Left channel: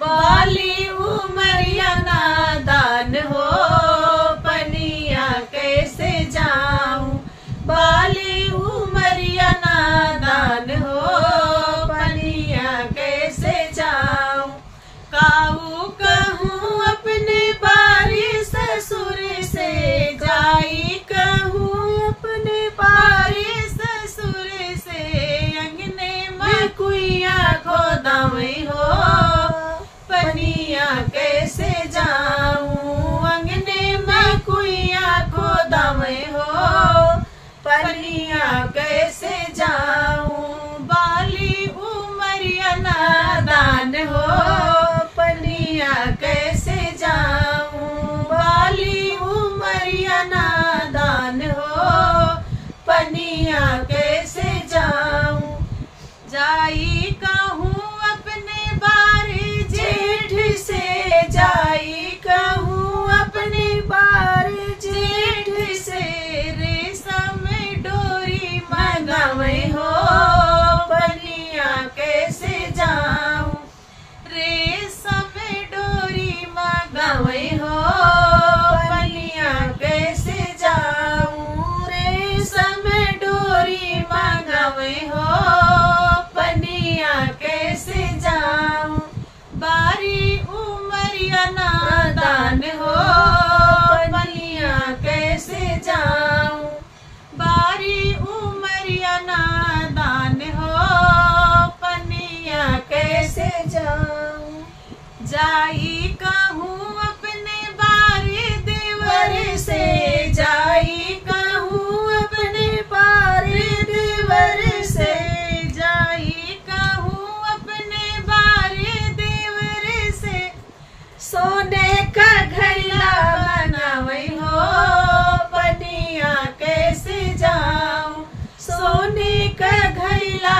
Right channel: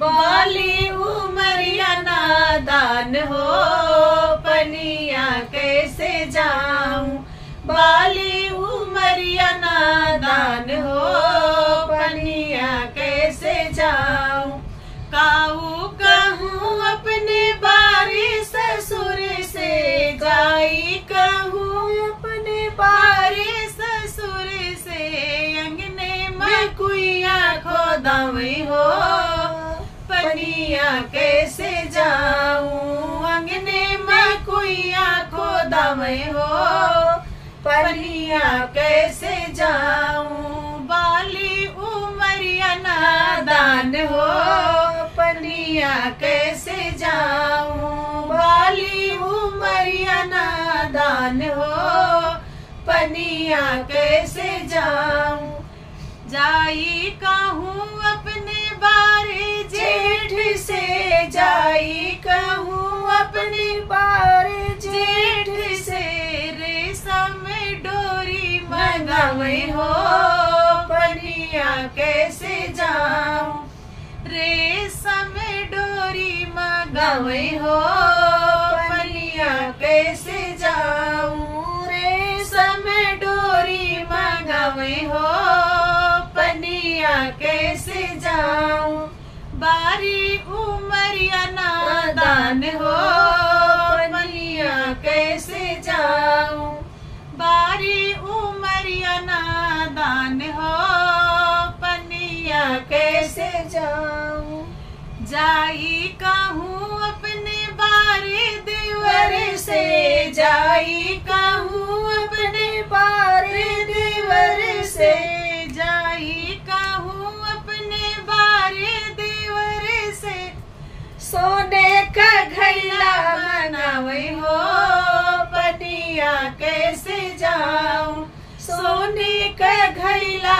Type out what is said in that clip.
बाली उमरिया नादान हो, पनिया कैसे जाऊं। बाली उमरिया नादान हो, पनिया कैसे जाऊं। काऊ कहूँ अपने बारी ससुर से, जाई कहूँ अपने बारी ससुर से। अंगने में कुइया खोदावे हो, पनिया कैसे जाऊं। अंगने में कुइया खोदावे हो, पनिया कैसे जाऊं। बाली उमरिया नादान हो, पनिया कैसे जाऊं। बाली उमरिया नादान हो, पनिया कैसे जाऊं। जाई कहूँ अपने बारे जेठ से, जाई कहूँ अपने बारे जेठ से। रेशम डोरी मंगावे हो, पनिया कैसे जाऊं। रेशम डोरी मंगावे हो, पनिया कैसे जाऊं। रेशम डोरी मंगावे हो, पनिया कैसे जाऊं। बारी उमरिया नादान हो, पनिया कैसे जाऊं। बारी उमरिया नादान हो, पनिया कैसे जाऊं। जाई कहूँ अपने बारी देवर से, जाई कहूँ अपने बारी देवर से। जाई कहूँ अपने बारी देवर से। सोने का घैला बनावे हो, पनिया कैसे जाऊं। सोने का घैला